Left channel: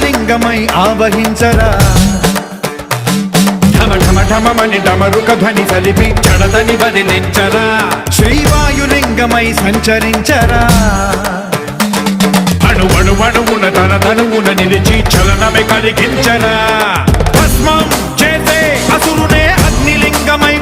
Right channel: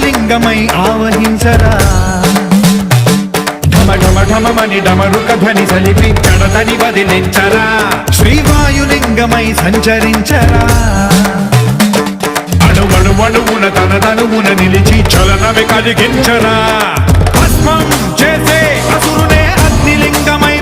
శివలింగమై ఆవహించరా ఢమఢమని డమరుక ధ్వని సలిపి జడతని బదిలించరా శ్రీవాయులింగమై సంచరించరా అడువడువున తనువున నిలిచి చలనమే కలిగించరా భస్మం చేసే అసురునే అగ్నిలింగమై